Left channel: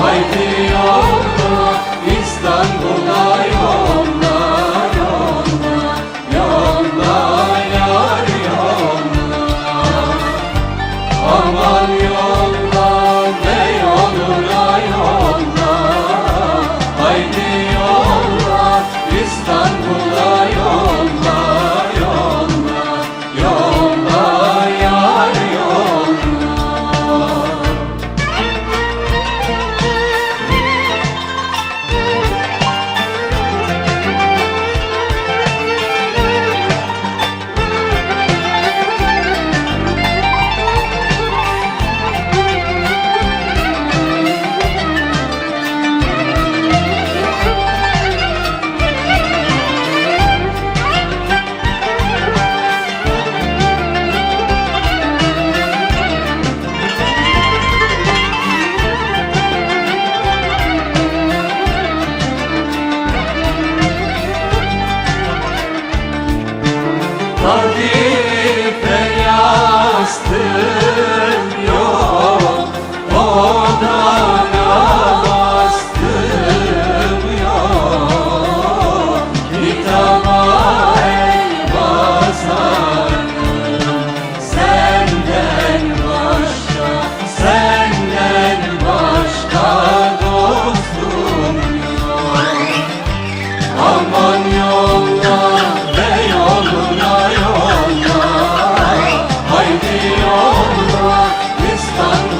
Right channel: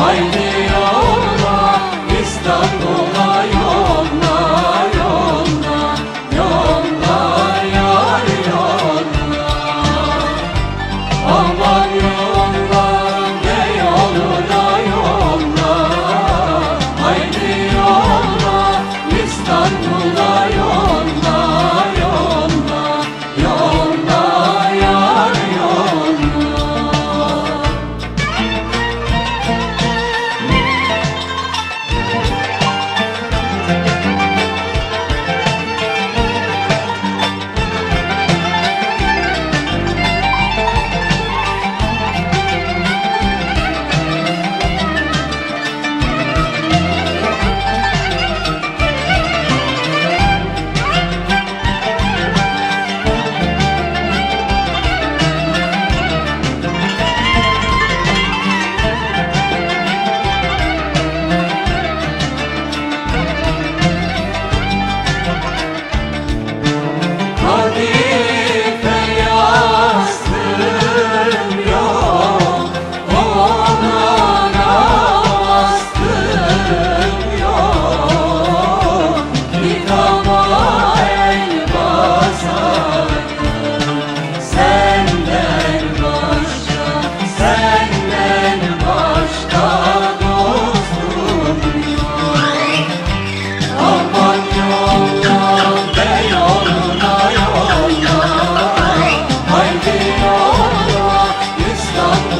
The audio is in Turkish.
Haydi yoluna İstanbul'a yoluna yoluna yar yoluna Allah Allah, Allah, İstanbul.